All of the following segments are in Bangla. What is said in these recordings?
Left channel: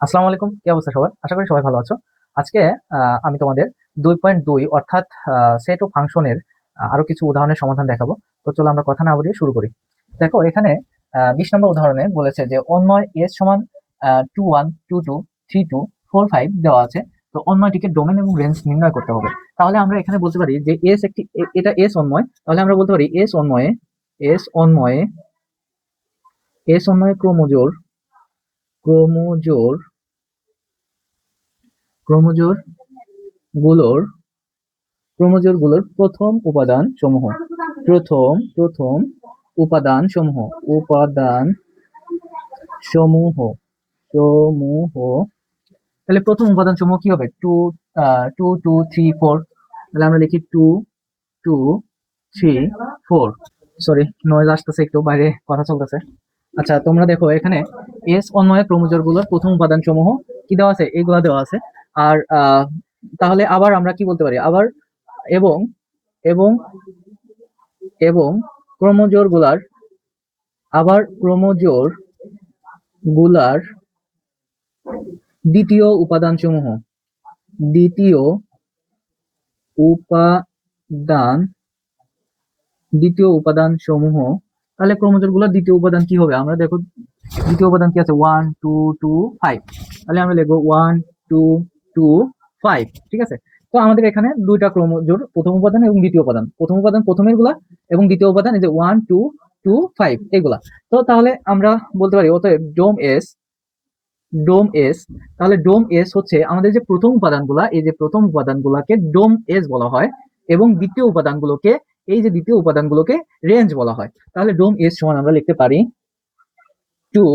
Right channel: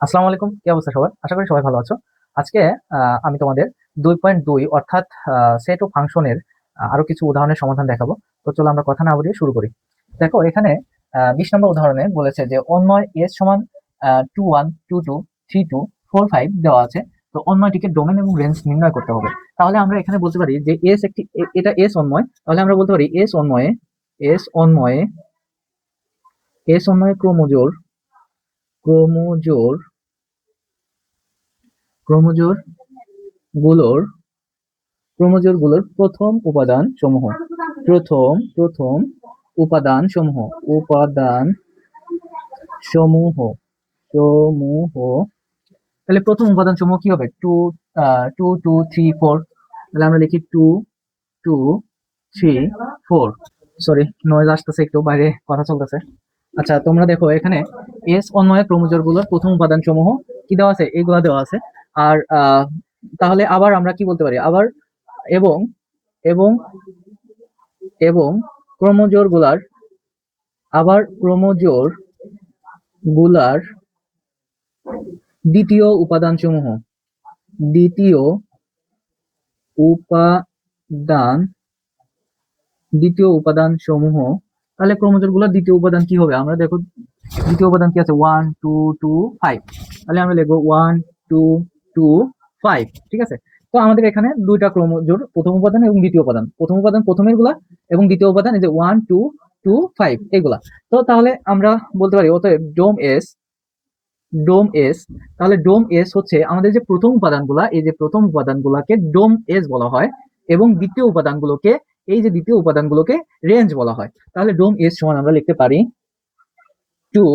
আসসালামু আলাইকুম, কি অবস্থা সবার? আশা করি সবাই ভালো আছো। আজকে আমি তোমাদের 2.2 অর্থাৎ সেট ও ফাংশনের আরো কিছু উদাহরণের সমাধান দেখাবো। তো চলো আমরা কথা না বাড়িয়ে শুরু করি। দেখো এখানে 20 নম্বর উদাহরণে বলেছে যে অন্যয় এস সমান 21 22 32 45 দেওয়া আছে। তো অন্যয়টিকে ডোমেন এবং রেঞ্জ নির্ণয় করতে হবে। তাহলে আমরা এখানে বলতে পারি যে এস একটি এটা এস অন্যয়। তাহলে আমরা বলতে পারি এস অন্যয়ে এস অন্যয়ে ক্রোমোজোর ক্রোমোজোর গুলোর ক্রোমোজোরগুলোর প্রথম উপাদান সমূহ সমূহ তাহলে প্রথম উপাদান সমূহ কি হবে? Two two three four. তাহলে আমরা লিখি two two three four. Sorry, noise আসতেছে, একটু বাইরে কথা চলতেছে। আচ্ছা, তোমরা দেখো এখানে এস অন্বয়ে ক্রোমোজোর গুলোর প্রথম উপাদান সমূহ কি দেওয়া আছে? এইগুলা দেওয়া আছে। আর তাহলে আবার আমরা কি বলতে পারি? আবার এবং এবং এবং ক্রোমোজোর গুলার আবার ক্রোমোজোর গুলার দ্বিতীয় উপাদানসমূহ দ্বিতীয় উপাদান দ্বিতীয় উপাদান সমূহ। তাহলে ক্রোমোজোর গুলোর দ্বিতীয় উপাদান কি হবে? আমরা দেখো দ্বিতীয় উপাদান কি আছে? 1 2 2 5। তাহলে আমরা লিখবো 1 2 2 5। ঠিক আছে। তো আমাদের এখানে দুইটা ক্রোমোজোর, প্রথম উপাদান এবং দ্বিতীয় উপাদান। প্রথম উপাদান প্রথমের গুলা এবং দ্বিতীয় উপাদান এই যে 1 2 2 5 এগুলা। তো তাহলে আমরা বলতে পারি অতএব ডোম এস। তাহলে ডোম এস হচ্ছে আমাদের যে প্রথম উপাদানগুলা, এই যে প্রথম উপাদানগুলোকে ডোম এস বলা হয় এবং দ্বিতীয় উপাদানগুলোকে রেঞ্জ বলা হয়। তাহলে ডোম এস সমান আমরা লিখতে পারি 2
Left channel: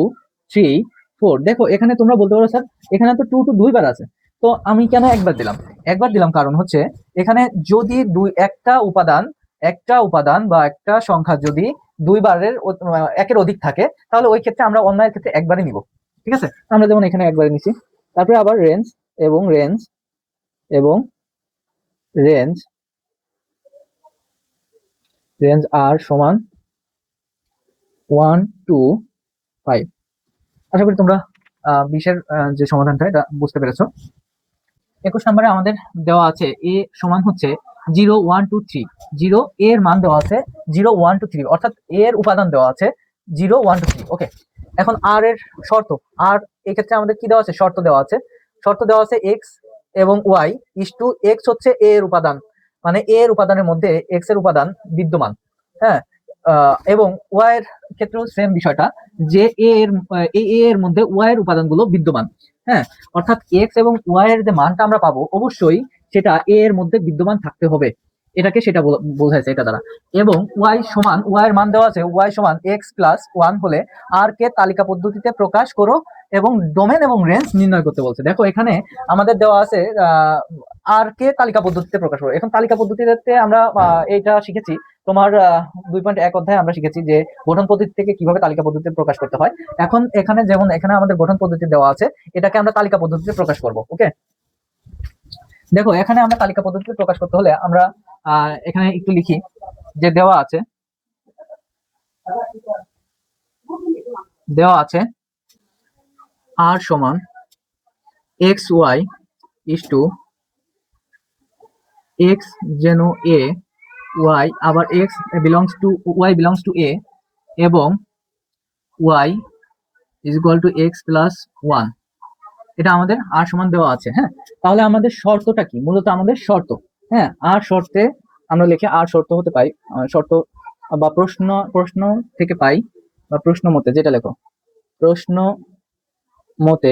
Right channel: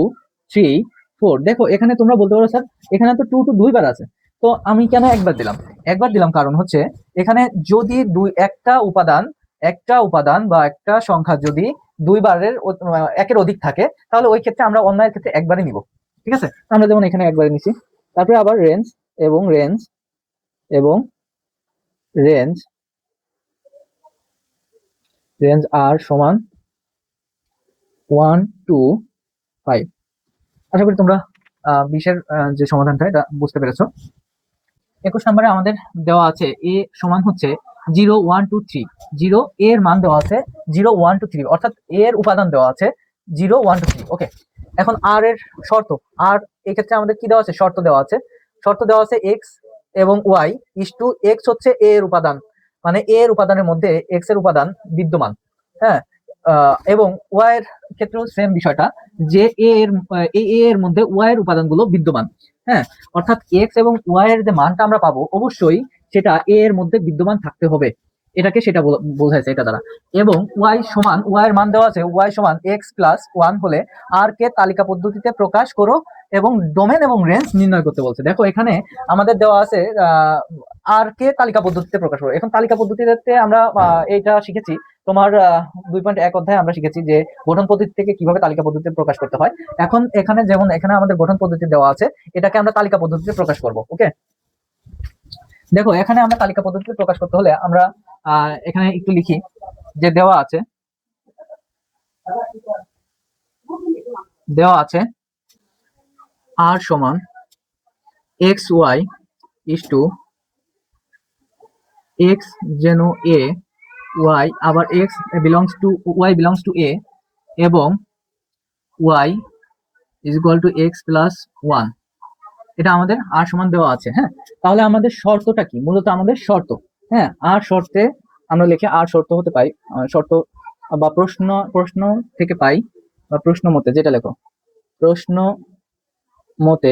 3 4। দেখো এখানে তোমরা বলতে পারো স্যার এখানে তো টু টু দুইবার আছে, তো আমি কেন একবার দিলাম? একবার দিলাম কারণ হচ্ছে এখানে যদি একটা উপাদান বা একটা সংখ্যা যদি একের অধিক থাকে, তাহলে ওই ক্ষেত্রে আমরা অন্যের ক্ষেত্রে একবারই নিব। ঠিক আছে, আমরা যেমন এখানে একবারে নিছি। তারপরে আবার এবং রেঞ্জ এবং রেঞ্জ রেঞ্জ আর সমান 1 2 5। আশা করি তোমরা 20-এর যে সমাধানটা এটা বুঝতে পেরেছো। 21 নম্বরে আমাদের দেওয়া আছে এ সমান হচ্ছে 0 1 2 3। জিরো এর মান দেওয়া আছে 0 1 2 3, অর্থাৎ এর উপাদান দেওয়া আছে 0 1 2 3। ওকে, এখন আর এর শর্ত। আর এই ক্ষেত্রে আমাদের কি দেওয়া আছে? শর্ত দেওয়া আছে এক্স এবং ওয়াই ইস টু এক্স হচ্ছে এ এর উপাদান, মানে এ এর উপাদানের মধ্যে এক্স এর উপাদান বিদ্যমান। হ্যাঁ, এবং ওয়াই এর ক্ষেত্রেও সেম বিষয়টা, যে এ এর মধ্যে ওয়াই এর উপাদানগুলো বিদ্যমান। হ্যাঁ, অর্থাৎ এক্স এবং ওয়াই এর যে মানটা আমরা পাবো অবশ্যই সেটা এ এর মধ্যে বিদ্যমান থাকতে হবে। এটাকে সেটা বোঝাইছে এটা দ্বারা। এবং ওয়াই এর মান দেওয়া আছে ওয়াই সমান x+1 হলে আর কে তালিকা পদ্ধতিতে প্রকাশ করো এবং ডোমেন এবং রেঞ্জ নির্ণয় করতে বলছে। দেখো এখানে আমাদের দেওয়া আছে আর কে তালিকা পদ্ধতিতে প্রকাশ করো। এখন তালিকা পদ্ধতিতে আমরা এইটা শিখেছি তোমার 2.1 অধ্যায়ে আমরা শিখেছি যে গঠন পদ্ধতি থেকে কিভাবে তালিকা পদ্ধতিতে প্রকাশ করতে হয়। এখন এখানে যেমন এখানে আমাদের গঠন পদ্ধতি দেওয়া আছে, এটাকে আমরা তালিকা পদ্ধতিতে প্রকাশ করব। ওকে, দেখো এখানে আমরা তালিকা পদ্ধতিতে প্রকাশ করতে হলে আমরা এখানে একটু লিখি যে দেওয়া আছে আর সমান xy ইস টু এক্স যেন এ, ওয়াই আবার y বিলংস টু এ এবং Y is equal to x+1। এটা আমাদের আর সমান দেওয়া আছে। হ্যাঁ, তাহলে আমাদের শর্তটা কি? মূলত আমাদের শর্ত, হ্যাঁ, আর শর্তে আমরা লিখে আর শর্ত হতে পাই, শর্ত বা প্রশ্ন থেকে পাই, বা প্রশ্ন মতে যেটা লেখো, প্রশ্ন মতে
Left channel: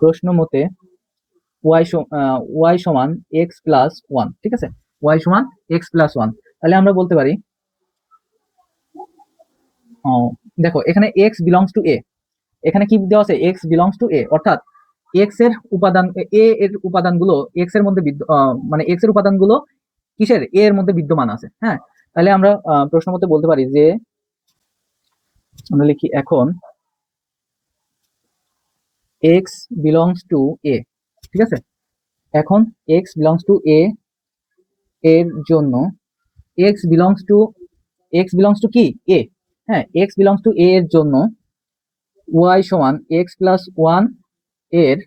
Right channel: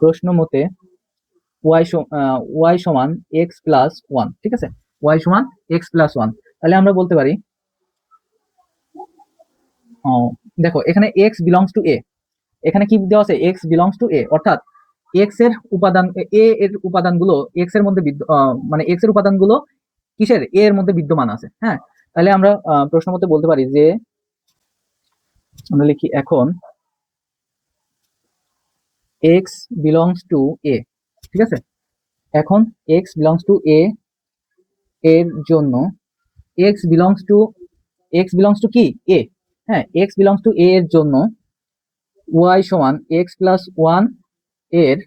প্রশ্ন মতে ওয়াই সমান x+1। ঠিক আছে, ওয়াই সমান x+1। তাহলে আমরা বলতে পারি দেখো এখানে x বিলংস টু এ, এখানে কি দেওয়া আছে? x বিলংস টু এ, অর্থাৎ এ এর উপাদানগুলো এক্স এর মধ্যে মানে এক্স এর উপাদানগুলো কিসের? এ এর মধ্যে বিদ্যমান আছে। হ্যাঁ, তাহলে আমরা প্রশ্ন মতে বলতে পারি যে আমরা লিখি এখন এক্স বিলংস টু এ। ঠিক আছে, এখন এক্স বিলংস টু এ এর জন্য এক্স বিলংস টু কি? এ। হ্যাঁ, এক্স বিলংস টু এ এর জন্য ওয়াই সমান এক্স প্লাস ওয়ান এর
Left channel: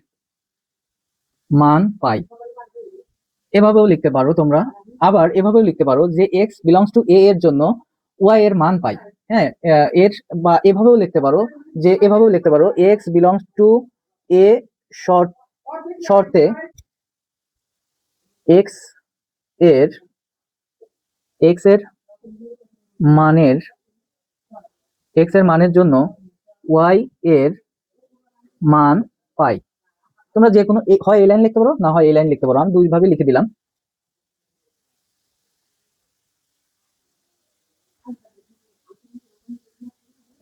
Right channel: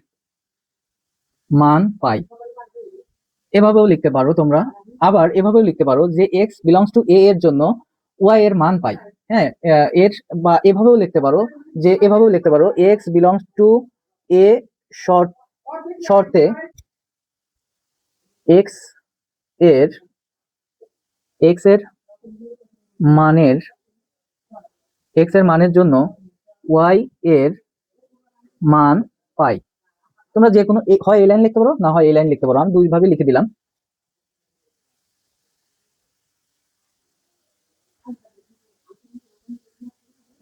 মান পাই। এভাবেও লিখতে পারো তোমরা, আবার এভাবেও লিখতে পারো যে এক্স বিলংস টু এ এর জন্য ওয়াই এর মান পাই। হ্যাঁ, এর বা এভাবেও লিখতে পারো, যে এভাবেও লিখতে পারো এক্স বিলংস টু এ শর্তে এক্স এর এক্স এর মানের এক্স এর মানের জন্য ওয়াই এর মান পাই। তোমরা যে কোনো হয় এই লাইন লিখতে পারো, না হয় এই লাইন লিখতে পারো, আমি দুই ভাবে লিখে দিলাম।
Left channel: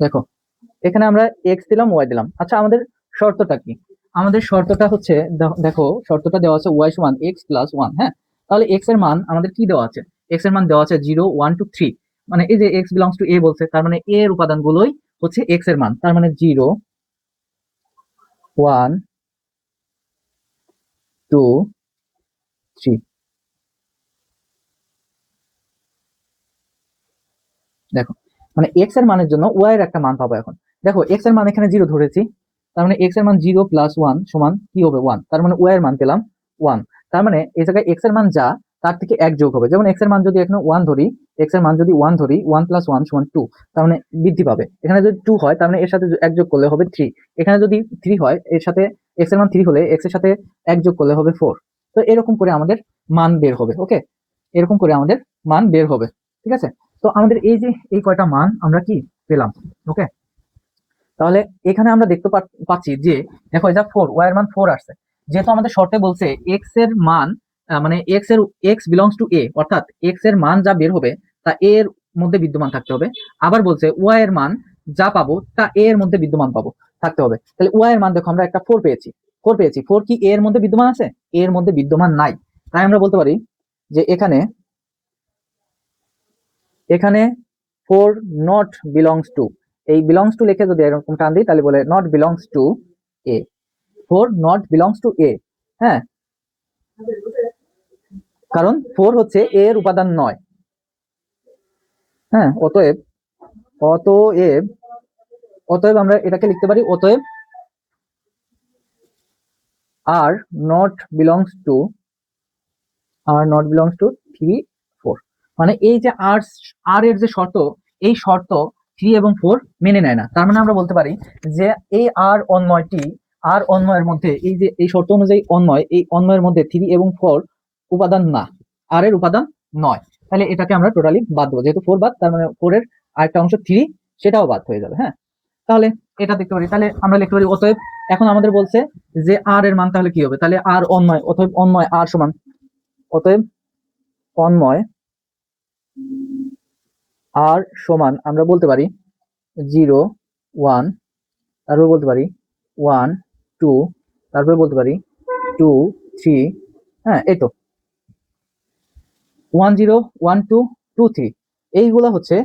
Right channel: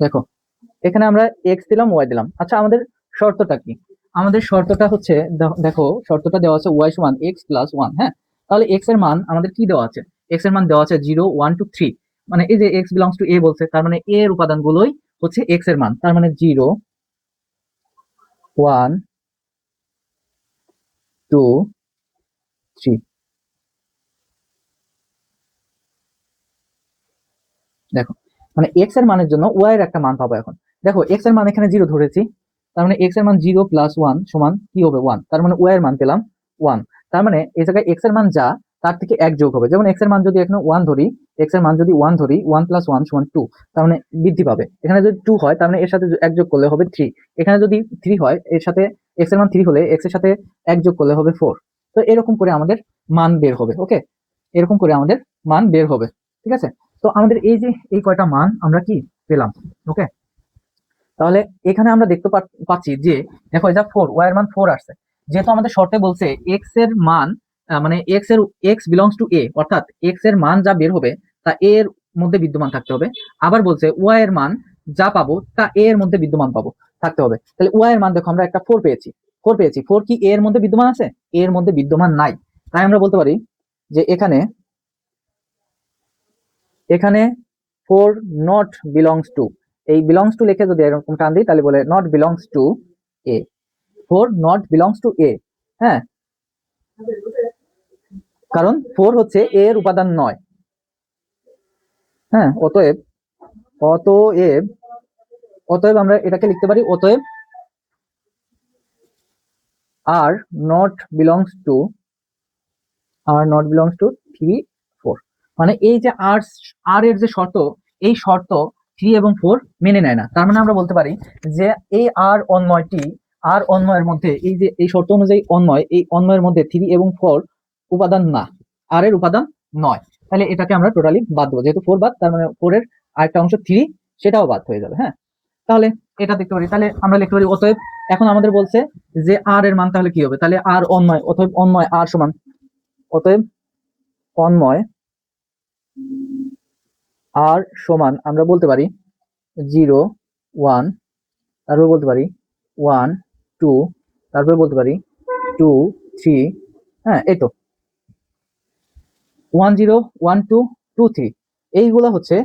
দেখো, এখানে আমরা এক্স দিলাম, ওয়াই দিলাম। আচ্ছা, আমাদের শর্তটা কি? আমাদের শর্তটা হচ্ছে, দেখো শর্তটা দেওয়া আছে ওয়াই সমান এক্স প্লাস ওয়ান। হ্যাঁ, তাহলে এক্স এর মান আমাদের কি দেওয়া আছে? এক্স এর মান দেওয়া আছে 0 1 2 3। মানে এই যে এক্স বিলংস টু এ বলছে, তার মানে এ এর উপাদানগুলোই হচ্ছে এক্স এর মান। তার মানে 0 1 2 3। দেখো, মানে এক্স এর মানের জন্য ওয়াই এর একটা মান পাবো এখন। দেখো, এক্স এর মান এখানে 0 ধরেছি, তার মানে এক্স এর মান 0 প্লাস 1 সমান কি হবে? 1। তার মানে ওয়াই এর মান পেলাম 1। তার মানে এই জায়গায় এক্স এর মান যা, তার থেকে এক যোগ হবে। যেমন এক্স এর মান যদি এখানে 1 ধরি, এক্স এর মান যদি 1 ধরি, 1 প্লাস 1 সমান 2। তার মানে বৃদ্ধি পাবে। এখানে যদি 2 হয়, তার মানে এর সাথে এক যোগ করলে হবে 3। এখানে যদি 3 হয়, এর সাথে এক্স এর মান 3 হলে এক্স এর সাথে এক যোগ করলে হবে 4। তো এরকম করে আমাদের মান বের হবে। ওকে, এরকম করে আমাদের মান বের হবে। ঠিক আছে, তো আমাদের এই যে এই কয়টা মান আমরা কি পেলাম। ওকে, তাহলে এখানে আমরা দেখতে পাচ্ছি যে দেখো, এটা 4, ওয়াই এর মান 4 আসছে। যেহেতু আমাদের শর্তে বলছে এক্স এর মান, মানে এক্স বিলংস টু এ, অর্থাৎ এক্স এর মান যা বের হবে তা এ এর মধ্যে বিদ্যমান থাকতে হবে। আবার বলছে ওয়াই এর মান যা পাবো তা এ এর মধ্যে বিদ্যমান থাকতে হবে। তাহলে ওয়াই এর মান দেখো, আমরা একটা 4 পেয়েছি। 4 কি এ এর মধ্যে বিদ্যমান আছে? এ এর মধ্যে বিদ্যমান নাই। তাই আমরা বলতে পারি যে এখানে এখানে 4 নট বিলংস টু, এই বিলংস টু লিখে যদি এরকম টান দিই, তাহলে বলে not belongs to E. 4 not belongs to A. হ্যাঁ, কারণ 4 হচ্ছে এ এর উপাদান নয়। হ্যাঁ, অতএব অতএব অতএব আমরা এটাকে লিখতে পারি, অতএব are not belongs two three 4। মানে এই যে আর এর যে শর্ত, এই শর্ত 3 এবং 4 মেনে নেয় না। তার মানে আমরা বলতে পারি যে এই আর অন্বয়ের মধ্যে, এই যে এই শর্ত অনুযায়ী এই অন্বয়ের মধ্যে 3 এবং 4 উপাদান না, আর এর উপাদান নয়। তাহলে এটাকে আমরা টোটালি বাদ দেবো, যেহেতু 4 বাদ, তার মানে 4 এর আরেকটা অংশ 3 সেটাও বাদ হয়ে যাবে। হ্যাঁ, তাহলে এটা দেখতে পারি, তাহলে আমরা লিখতে পারি অতএব, এখন আমাদের বলছে যে আর এর মান তাহলে কি হবে? তাহলে আর অন্বয়, অতএব অন্বয় আর সমান, অতএব অন্বয় আর সমান আমরা বলতে পারি 0 1, তারপর বলতে পারি 1 2, তারপর বলতে পারি 2 3। হ্যাঁ, এই তো 1 0 1 2 2 3, এইগুলা হচ্ছে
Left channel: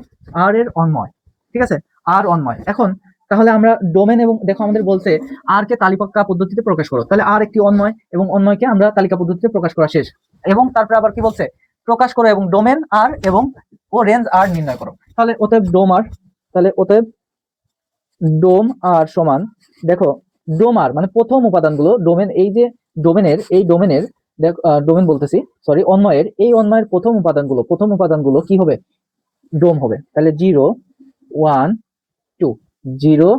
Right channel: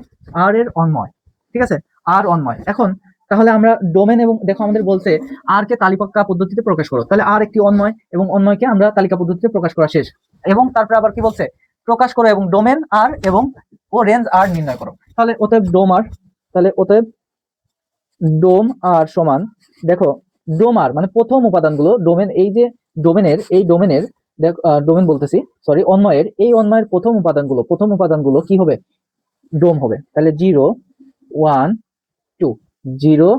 আর এর অন্বয়। ঠিক আছে, আর অন্বয়। এখন তাহলে আমরা ডোমেন, এবং দেখো আমাদের বলছে আর কে তালিকা পদ্ধতিতে প্রকাশ করো, তাহলে আর একটি অন্বয়, এবং অন্বয়কে আমরা তালিকা পদ্ধতিতে প্রকাশ করা শেষ। এবং তারপরে আবার কি বলছে? প্রকাশ করো এবং ডোমেন আর এবং ও রেঞ্জ আর নির্ণয় করো। তাহলে অতএব ডোম আর, তাহলে অতএব ডোম আর সমান, দেখো ডোম আর মানে প্রথম উপাদানগুলো, ডোমেন, এই যে ডোমেনের ডোমেন বলতেছি, সরি, অন্বয়ের প্রথম উপাদানগুলো কি হবে? ডোম হবে। তাহলে 0 1 2, 0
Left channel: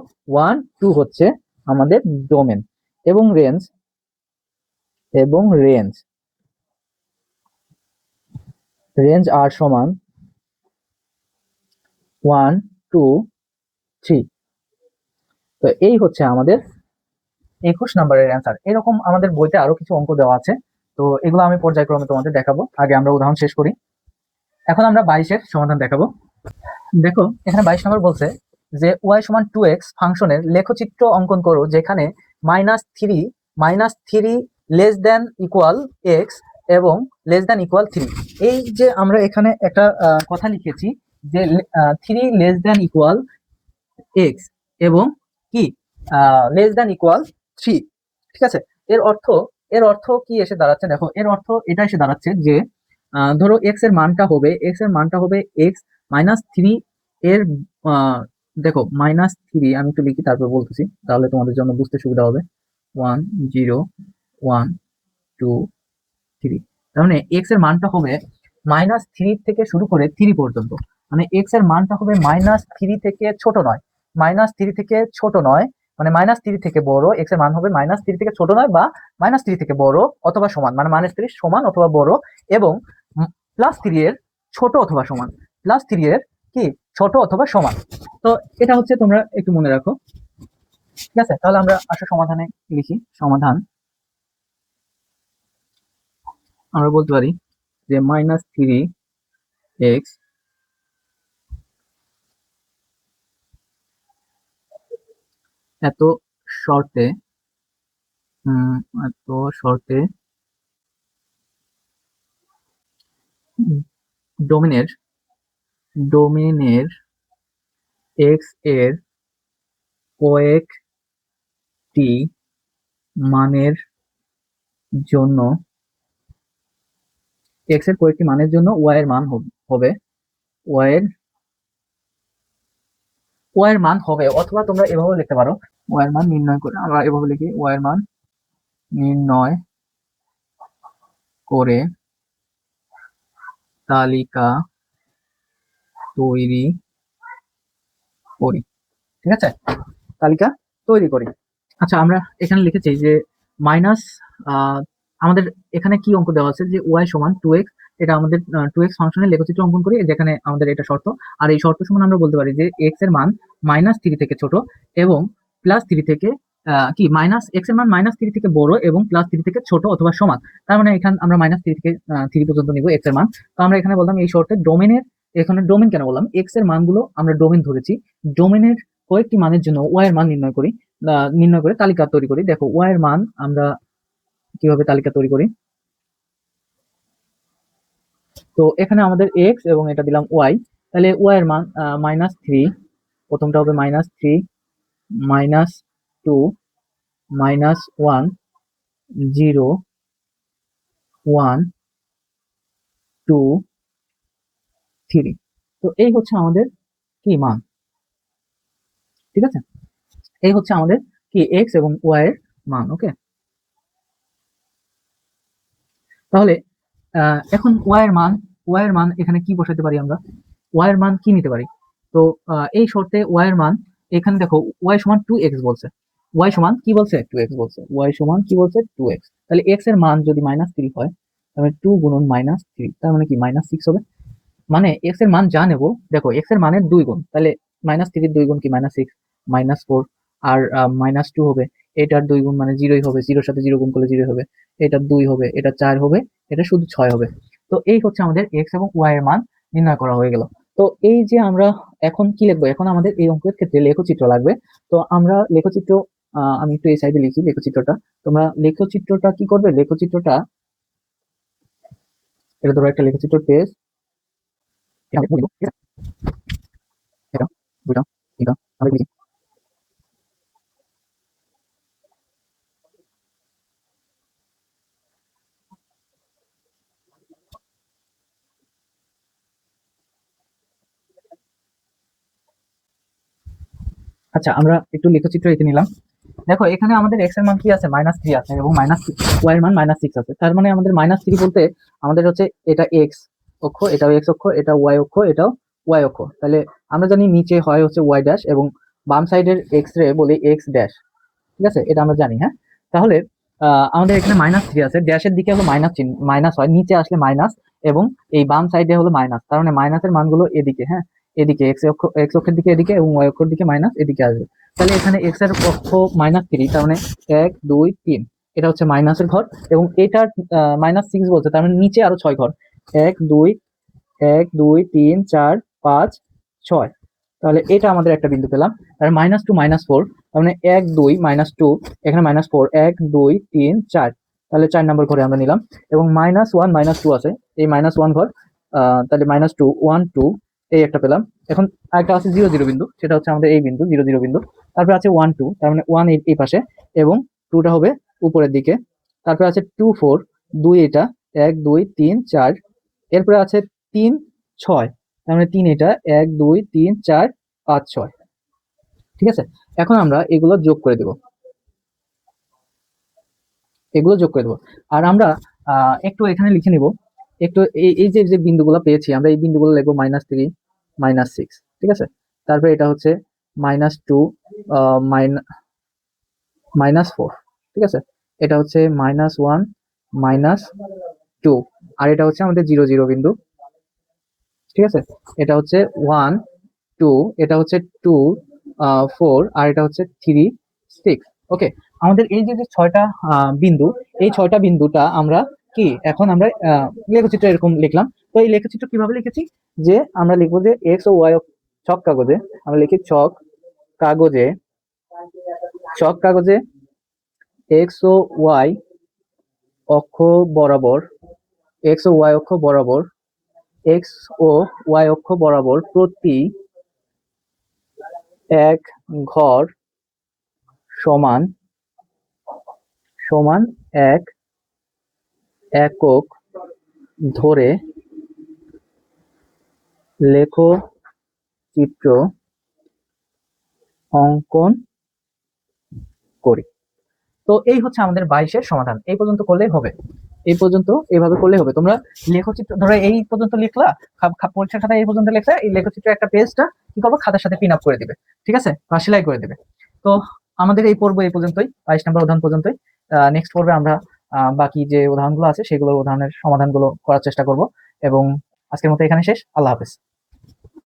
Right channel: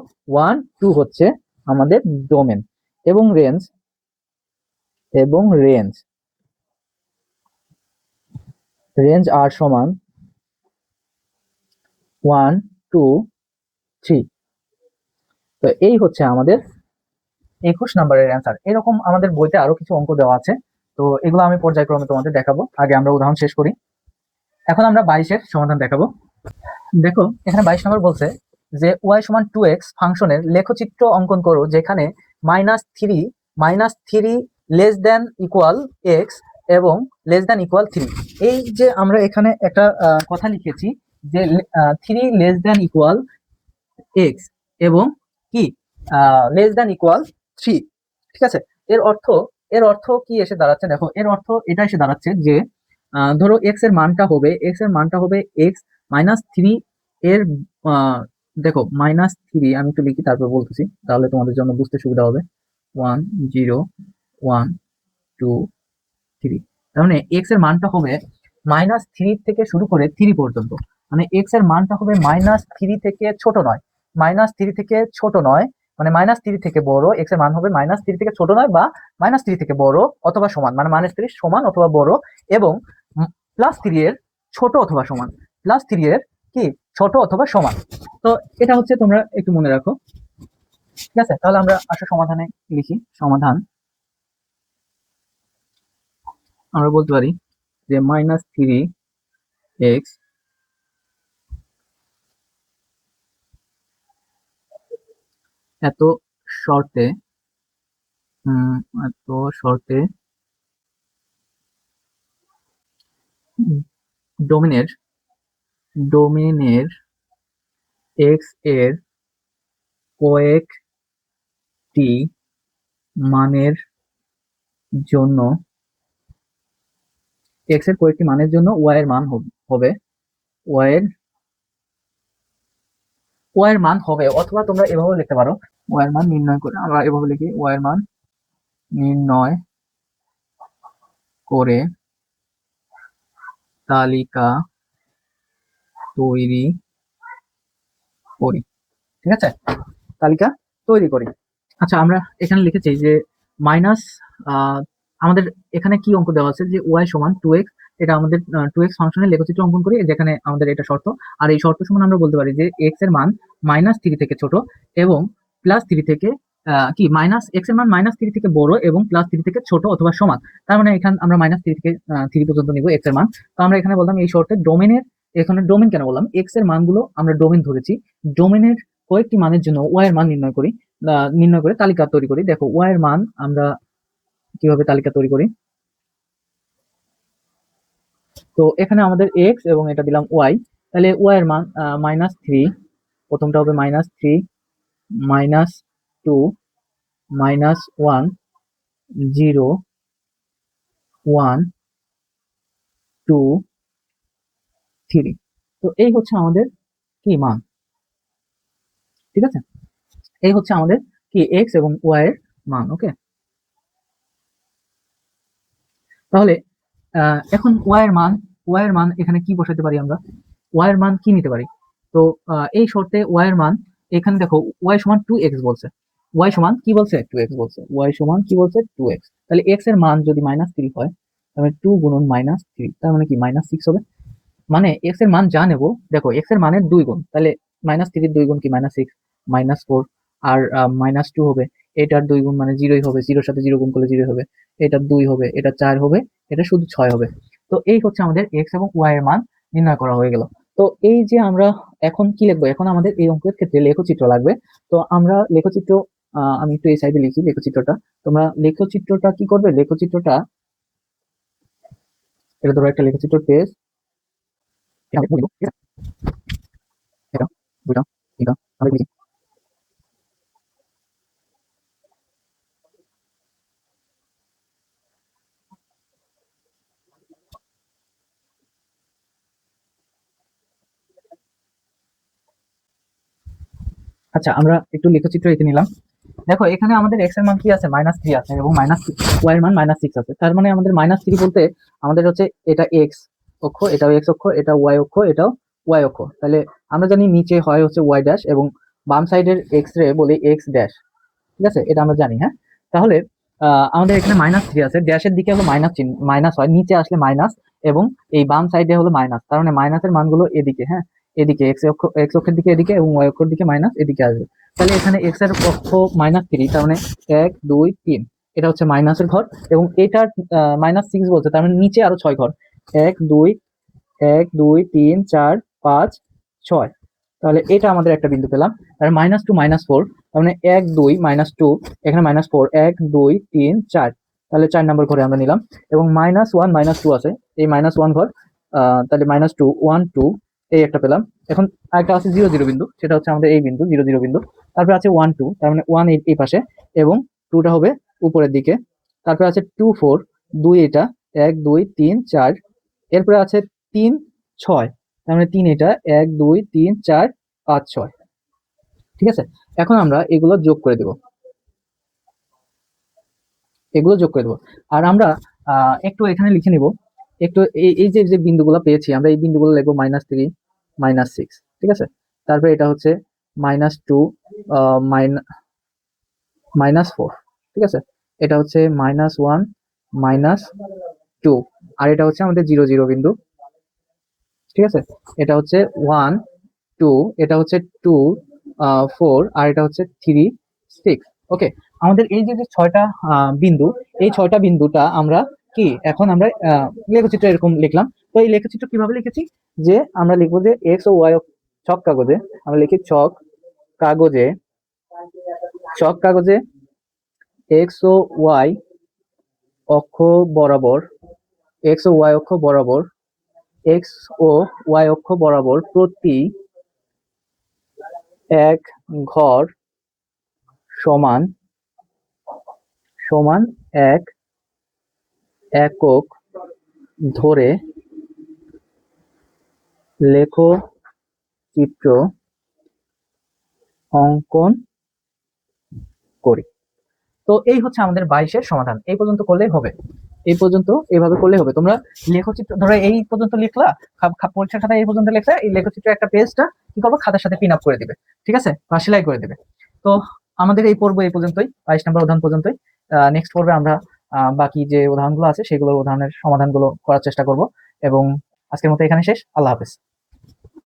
1 2 হচ্ছে আমাদের ডোমেন। এবং রেঞ্জ আর সমান 1 2 3। তো এই হচ্ছে আমাদের 21 নম্বরের অ্যান্সার। এরকম আমাদের বইতে আরো কিছু অঙ্ক দেওয়া আছে, তো এগুলো আমি পর্যায়ক্রমে তোমাদের দেখাবো। আগে আমরা উদাহরণ শেষ করি। এখন আমরা 22-এর সমাধান দেখাবো। দেখো, এখানে 22 নম্বর বলছে যে ওয়াই সমান 2x ফাংশনের লেখচিত্র অঙ্কন করো যেখানে -3 লেস দেন ইকুয়াল x এবং লেস দেন ইকুয়াল 3। এই যে আমরা এখানে একটা কথা লিখেছি যে 3 লেস দেন ইকুয়াল x এবং কি লেস দেন ইকুয়াল 3। ঠিক আছে, এর অর্থ কি এসে দাঁড়াচ্ছে? দেখো, এর অর্থ এটা এসে দাঁড়াচ্ছে যে ধরো এক্স এর মানটা হবে x -3 এর দেখো -3 আমি একটু লিখি তারপর বলতেছি, তাহলে তোমাদের জন্য বুঝতে সুবিধা হবে। 1 0 1 2 3। তার মানে এক্স এর মানটা হবে -3 থেকে শুরু করে 3 পর্যন্ত। মানে এক্স এর মানটা হবে -3 থেকে ছোট নয়, -3 থেকে ছোট নয়, মানে -3 থেকে বড়। এক্স এর মান হবে -3 থেকে ছোট নয় বা -3 থেকে বড় অথবা সমান, মানে -3 সমান অথবা বড়, এবং +3 এর ছোট অথবা সমান, +3 এর কি ছোট অথবা সমান। তো এটা হচ্ছে তোমরা একটু মনে রাখো, ঠিক আছে? তাহলে আমরা আসলে সমাধানে লিখি। সমাধান আমরা বলতে পারি যে -3x এত শর্তে উম, এত শর্তে ডোমিনের ডোমিনের এক্স এর কয়েকটি মানের জন্য, এক্স এর কয়েকটি মানের জন্য ওয়াই এর মান হবে ওয়াই এর ওয়াই এর মান হবে, অথবা তোমরা এভাবে লিখতে পারো, ওয়াই এর মান নির্ণয় করে। আমরা এভাবে লিখি, ওয়াই এর মান নির্ণয় করে তালিকা তৈরি করি, ঠিক আছে? তালিকা তৈরি করি। আচ্ছা, আমরা এখানে লিখেছি যে মাইনাস, আমাদের এখানে কি অঙ্ক দেওয়া আছে যে ওয়াই সমান 2x। এটা আমাদের 2x ফাংশনের লেখচিত্র অঙ্কন করি, যেখানে আমাদের এটা শর্ত। আর এই শর্ত সমান আমরা বলতে পারি যে এক্স এর মান -3 থেকে ছোট এবং +3 থেকে কি মাইনাস এক্স এর মান -3 থেকে বড় এবং +3 থেকে ছোট অথবা সমান। তার মানে এখানে আমরা -3 থেকে 3 পর্যন্ত নিব এক্স এর মান। তো আমরা এখানে বললাম এই শর্তে ডোমেনের, এখানে ডোমেন কেন বললাম, এক্স এর মানগুলো আমরা ডোমেন ধরেছি, ডোমেনের কয়েকটি মানের জন্য ওয়াই এর মান নির্ণয় করি, নির্ণয় করে তালিকা তৈরি করি। দেখো ওয়াই এর মান আমরা কিভাবে তালিকা তৈরি করি। তো এখানে আমাদের এক্স এবং এটা দিলাম ওয়াই, তাহলে ওয়াই এর মান -3, প্রথমটা হবে -3, -2, -1, 0, 1, 2, 3। তো এই হচ্ছে আমাদের কি মান, ঠিক আছে? এই হচ্ছে আমাদের কি এক্স এবং ওয়াই এর মান। ওকে, তাহলে এখন ওয়াই এর মান এখানে কি বসাতে পারি আমরা, ওয়াই এর মান কি নিতে পারি? তো এই শর্তে ওয়াই এর মান, এখানে দেখো ওয়াই সমান 2x বলছে, ওয়াই সমান কি বলছে 2x বলছে, ওয়াই সমান কি বলছে 2x। তাহলে এক্স এর মান যদি -3 হয়, তাহলে 2 গুণন -3, তার মানে কি -6 হবে। মানে এক্স এর মান যা নেব, দেখো এক্স এর মানের 2 গুণ, তাহলে -3 2 গুণ কি -6, -4। আর -2 হবে, এটার 2 গুণ মানে 0ই হবে, 0 সাথে 0 গুণ করলে 0 হবে, এটা 2 হবে, এটা 4 হবে, এটা শুধু 6 হবে। তো এই হচ্ছে আমাদের এক্স এবং ওয়াই এর মান নির্ণয় করা হয়ে গেল। তো এই যে আমরা এখন কি লিখবো, এখন আমাদের এই অঙ্কের ক্ষেত্রে লেখচিত্র লাগবে। তো আমরা লেখচিত্র, আমি একটু এই সাইডে লিখি লেখচিত্রটা। তোমরা লেখচিত্রটা কি করবে, লেখচিত্রটা এটা ধরো একটা লেখচিত্র পেজ, এটা এটা দুটা এটা আমি লিখি। আচ্ছা, আমরা একটু লেখচিত্র এঁকে নিলাম। দেখো এখানে আমাদের এক্স এর মান কি আছে, -3 আছে, এবং ওয়াই এর মান -6 আছে। তার মানে আমাদের -3 বলতে আমাদের হচ্ছে এটা এক্স অক্ষ, এটাও এক্স অক্ষ, এটা ওয়াই অক্ষ, এটাও ওয়াই অক্ষ। তাহলে আমরা জানি নিচে হয় হচ্ছে ওয়াই ড্যাশ, এবং বাম সাইডের এক্স রে বলি এক্স ড্যাশ, ঠিক আছে? এটা আমরা জানি, হ্যাঁ। তাহলে আমাদের এখানে -3 আছে, ড্যাশের দিকে হলো মাইনাস চিহ্ন, মাইনাস হয় নিচে আসলে মাইনাস, এবং এই বাম সাইডে হলো মাইনাস। তার মানে মাইনাসের মানগুলো এদিকে, হ্যাঁ, এদিকে এক্স অক্ষের দিকে এদিকে, এবং ওয়াই অক্ষের দিকে মাইনাস এদিকে আসবে। তাহলে এখানে এক্স এর অক্ষ -3, তার মানে 1 2 3, এটা হচ্ছে মাইনাসের ঘর, এবং এটার -6 বলছে, তার মানে নিচে আরো 6 ঘর, 1 2 1 2 3 4 5 6। তাহলে এটা আমাদের একটা বিন্দু পেলাম। তাহলে -2 -4, মানে 1 2 -2, এখানে -4, 1 2 3 4, তাহলে 4 নম্বর ঘরে আমরা নিলাম। এবং -1 -2 আছে, এই -1 ঘর, তাহলে -2 1 2, এই একটা পেলাম। এখন আরেকটা আছে 0 0 বিন্দু, সেটা হচ্ছে আমাদের এই বিন্দু 0 0 বিন্দু। তারপরে আছে 1 2, তার মানে 1 এই পাশে, এবং 2টা হবে উপরের দিকে। তারপরে আছে 2 4, 2 এটা, 1 2 3 4, এরপরে আছে 3 6, তার মানে 3 এটা, 1 2 3 4 5 6। ঠিক আছে, এখন আমরা এগুলো যোগ করে দেবো, এগুলো যোগ করে দেবো। আর আমরা একটু এখানে লিখে নিব, একটু এই যে যে বিন্দুগুলো পেয়েছি আমরা, এই বিন্দুগুলো লিখবো -3, -6, ঠিক আছে। তারপর এটা হচ্ছে -2, -4, ঠিক আছে। এটা হচ্ছে -1, -2, আর এটা হচ্ছে আমাদের 0 0 বিন্দু, ঠিক আছে। এটা হচ্ছে 1 2, এটা হচ্ছে 2 4, আর এটা হচ্ছে 3 6। ওকে, আমাদের এই যে যে ছয়টা বিন্দু, এই ছয়টা বিন্দুটা আমরা কি এখন আমরা লেখচিত্র এরকম লিখলাম। তো এই লেখচিত্র কিভাবে লিখেছি, যে আমরা লিখবো যে এক্স ও ওয়াই, ছক কাগজে আমরা লিখি, কাগজে ছক কাগজে এক্স ও ওয়াই অক্ষ বরাবর, এক্স ও ওয়াই অক্ষ বরাবর, এক্স ও ওয়াই অক্ষ বরাবর প্রতি এক ঘর সমান সমান এক একক ধরে লেখচিত্র অঙ্কন করি। তো এই হচ্ছে আমাদের 22-এর সমাধান। এই পর্যন্ত করলেই হবে, এই পর্যন্ত এভাবে করলেই হবে। তোমরা লেখচিত্র ধরো এই পর্যন্ত লিখলা, পরীক্ষার সাথে এই পর্যন্ত লিখলে এই লেখচিত্রের একটা পেজটা কি করবো, খাতার সাথে পিন আপ করে দিবে, ঠিক আছে, বা সেলাই করে দিবে। তো আমাদের এই পর্ব এই পর্যন্তই, 22 নম্বর উদাহরণ পর্যন্তই। নেক্সট পর্বে আমরা বাকি যে উদাহরণগুলো আছে সেগুলোর উদাহরণের সমাধানগুলো করার চেষ্টা করব। এবং আজকের মতো এখানে শেষ। আল্লাহ হাফেজ।